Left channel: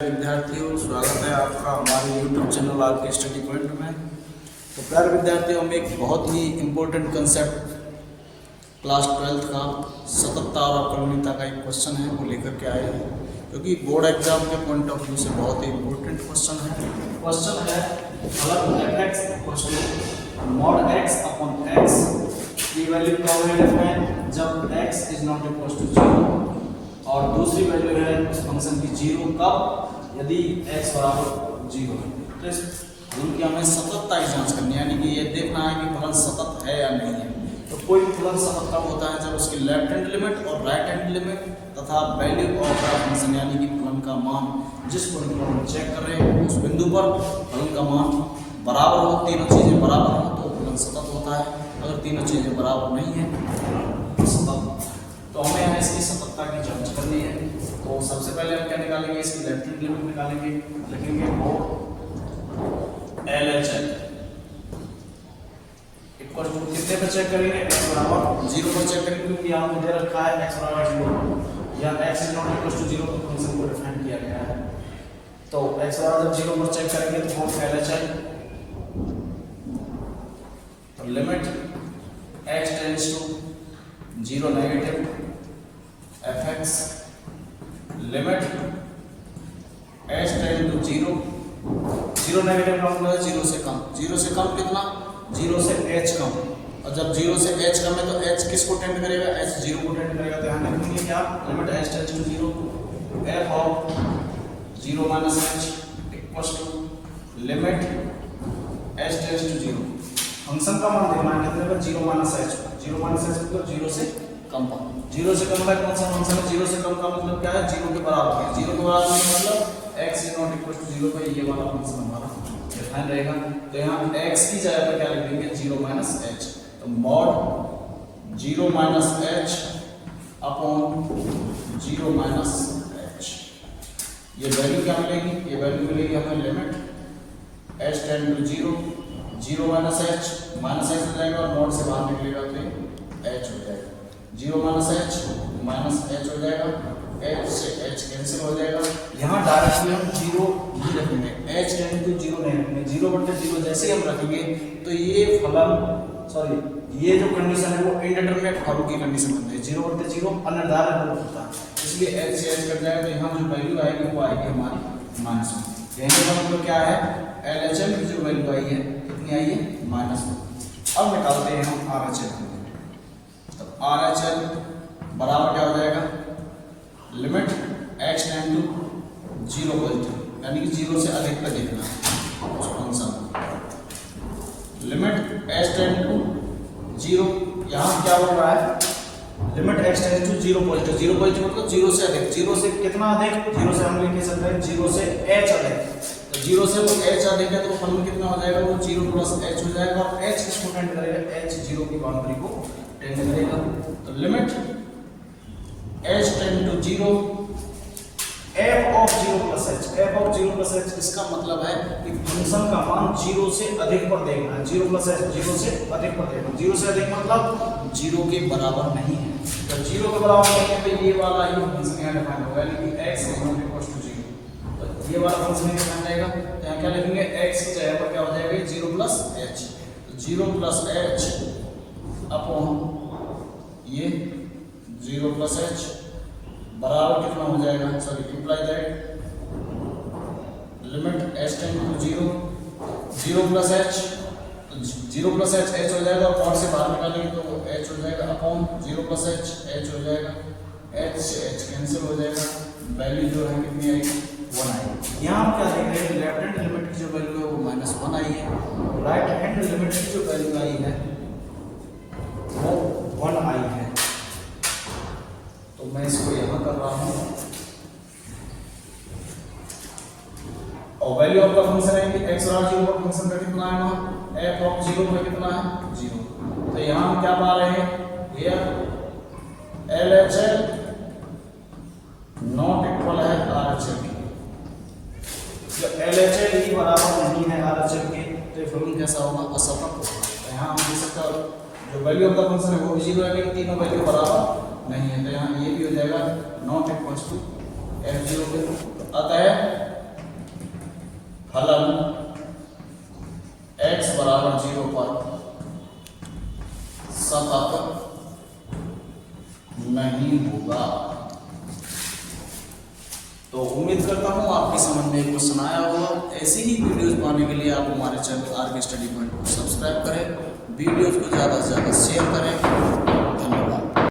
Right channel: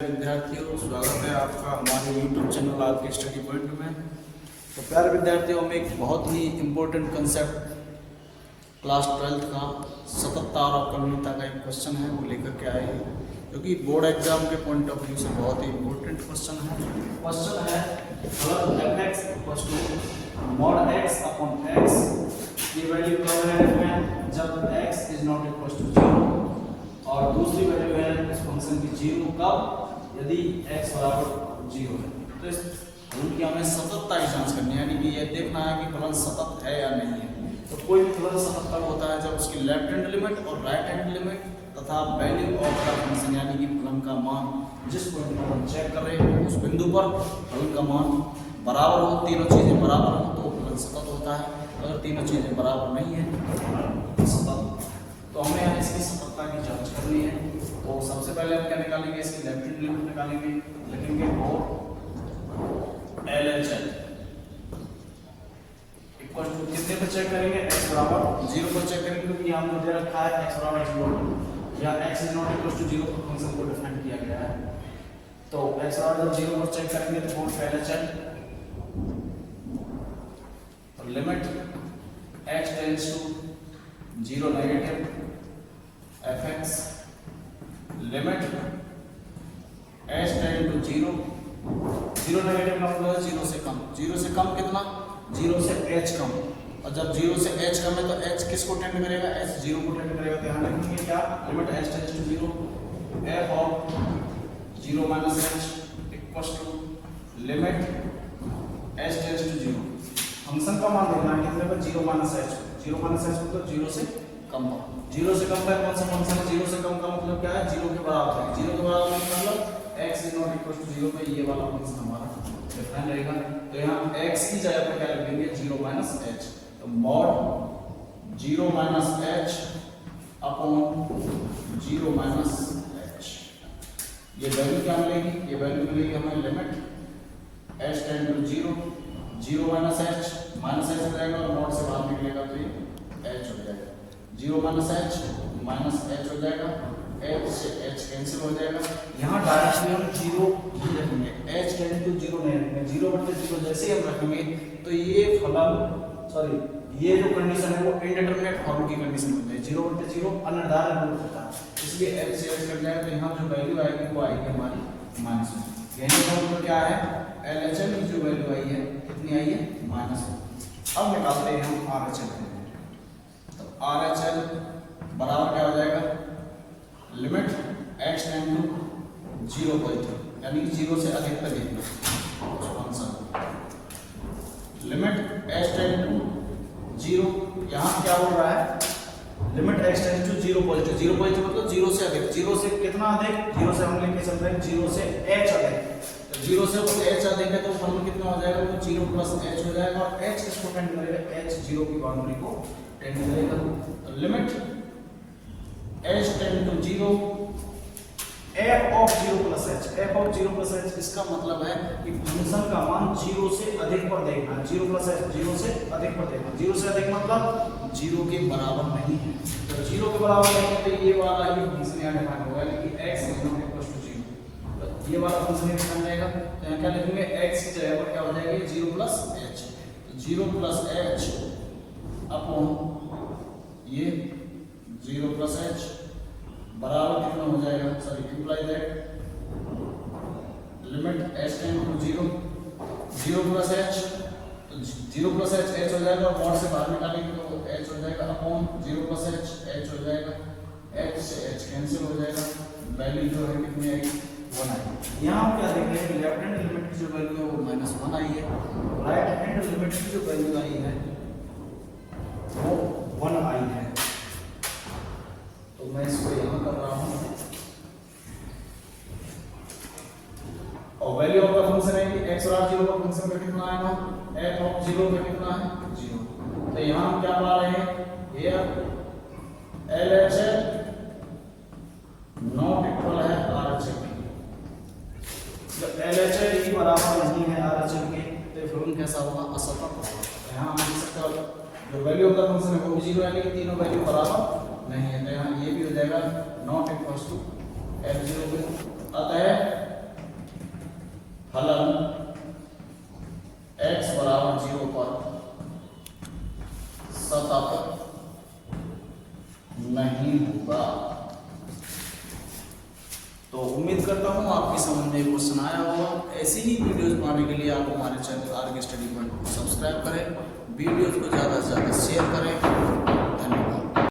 विद्यार्थियों, स्वागत है आपका हमारे YouTube चैनल आपके स्टडी पॉइंट में। तो प्यारे विद्यार्थियों, हम एक बहुत ही इम्पोर्टेंट कंसेप्ट क्लास 12th का सततता और अवकलनीयता का एक क्वेश्चन है वो लेकर के आए हैं, क्योंकि बोर्ड एग्जाम के पॉइंट ऑफ व्यू से बहुत ही इम्पोर्टेंट क्वेश्चन है। क्वेश्चन है अगर f(x) mod x upon x की वैल्यू कब है जब x is not equal to 0, और दूसरी वैल्यू है उस फंक्शन की 0 कब यदि x बराबर 0 है। तो इस फलन की हमें सततता की जांच करनी है, यानी कि ये देखना है कि फलन सतत है या नहीं है। तो कोई भी फलन सतत तब होता है जब उसकी लेफ्ट हैंड लिमिट और राइट हैंड लिमिट तथा वैल्यू ऑफ द फंक्शन यानी कि फलन का मान जिस पॉइंट पर हम चेक कर रहे हैं उस बिंदु पर फलन का मान बराबर हो, तीनों चीजें बराबर हो तो फलन सतत होता है। अगर तीनों चीजें बराबर नहीं है तो सतत, तो हमें यहाँ इसकी सततता की जांच करनी है। तो सबसे पहले हम क्या निकालेंगे, इसकी लेफ्ट हैंड लिमिट निकालेंगे, लिखेंगे वो LHL इक्वल टू कितने पर चेक करेंगे, x बराबर 0 पर चेक करेंगे, क्योंकि यहाँ पे दे रखा है x बराबर 0 या x is not equal to 0 तो फंक्शन को डिफाइन किया गया है। तो x बराबर जब 0 पर चेक करेंगे तो वो LHL limit x tends to 0 negative fx limit h tend to 0 negative का मतलब है 0 से कम। 0 से कम कितना, 0 से h कम, और जब 0 से h कम है तो h किसको टेंड करेगा, h 0 को टेंड करेगा। ध्यान रखेंगे क्या, limit h tends to 0 f of 0 minus h equals to limit h tends to 0। Function का मान देखना है कितने पर, 0 माइनस h, 0 माइनस h मतलब 0 से कम पर। 0 से कम का कौन सा फंक्शन है, 0 से कम का मतलब क्या है, 0 के बराबर है। 0 के बराबर है मतलब x is not equal to 0 पे ये वाला फंक्शन हमारा डिफाइन रहेगा। तो यहाँ x की जगह पर क्या लिखेंगे, 0 माइनस h। तो mod 0 minus h upon 0 minus h, ये वैल्यू क्या मिलेगी, ये वैल्यू मिलेगी हमें limit h tend to 0 minus h हो जाएगा, और मॉड से बाहर निकलेगा तो h हो जाएगा। 0 माइनस h हो जाएगा, h से h कैंसिल हो जाएगा। यहाँ डायरेक्टली हम 0 ही रखेंगे, h टेंड टू 0 नहीं रखेंगे। 0 बटे 0 जैसे हम रखेंगे तो ये ये जो कंडीशन है वो इंडिटरमिनेट फॉर्म की कंडीशन होती है। 0 बटे 0 अनिर्धारित रूप होता है, इसलिए h से h कट जाएगा तो यहाँ जो वैल्यू आएगी वो आएगी हमारी माइनस में। कहने का मतलब क्या है, LHL की जो वैल्यू आई है कितनी आई है, माइनस में। अब निकालते हैं हम RHL। तो RHL बराबर क्या हो जाएगा, limit h tend to 0 positive, यानी कि 0 से अधिक पर देखना उस function, limit h tend to 0। यहाँ क्या बोल रहा है, limit h tend to 0 positive. 0 positive मतलब 0 से अधिक। 0 से कितना अधिक, 0 से हम लिख सकते हैं 0 से h अधिक। तो 0 से तो h अधिक है तो फलन कितना हो जाएगा, वो 0 प्लस h हो जाएगा, और h किसको टेंड करेगा, h 0 की बाउंड्री को टेंड करेगा। तो limit h tend to 0 f of 0 plus h, f of 0 plus h इसका मतलब है कि फंक्शन का मान 0 से अधिक पर देखना है। 0 प्लस h 0 से अधिक पर देखना, 0 से अधिक मतलब 0 के बराबर नहीं है। तो 0 के बराबर नहीं है तो ये वाला ही फंक्शन यहाँ डिफाइन होगा, यानी कि x is not equal to 0। तो ये वाला फंक्शन डिफाइन रहेगा। तो यहाँ क्या लिखेंगे, x की जगह पर क्या हो जाएगा, 0 प्लस h। तो 0 प्लस h अपॉन ये 0 प्लस h बराबर कितना हो जाएगा, sorry imply that limit h tend to 0 plus h, तो 0 प्लस h हो जाएगा, और मॉड से बाहर निकालेंगे तो h हो जाएगा अपॉन 0 प्लस h हो जाएगा, h से h कैंसिल हो जाएगा, वैल्यू जो है कितनी आएगी, 1 आएगी। यहाँ हम क्या देख रहे हैं, लेफ्ट हैंड लिमिट की जो वैल्यू है वो -1 आई है, राइट हैंड लिमिट की जो वैल्यू आई है वो 1 आई है। तो मैं इसको यहाँ कर रहा हूँ, और वैल्यू ऑफ का फंक्शन है कि x बराबर 0 पर फंक्शन का कितना है, f ऑफ 0 पे कितना है, 0। तो यहाँ हम क्या पा रहे हैं, here LHL नॉट इक्वल है RHL के। तो LHL ही बराबर नहीं है RHL के, तो फलन कैसा होगा, असतत होगा। तो यहाँ हम देख सकते हैं जो वैल्यू ऑफ द फंक्शन है वो भी 0 है, लेकिन तीनों वैल्यू बराबर नहीं है। तो यहाँ ये भी हो जाएगा नॉट इक्वल टू f0 के। अतः फलन x बराबर 0 पर सतत नहीं होगा। तो उम्मीद करता हूँ आपकी समझ में क्वेश्चन आया होगा। ऐसी ही वीडियोस पाने के लिए आप हमारे चैनल आर के स्टडी पॉइंट को सब्सक्राइब करें, वीडियोस को ज़्यादा से ज़्यादा शेयर करें।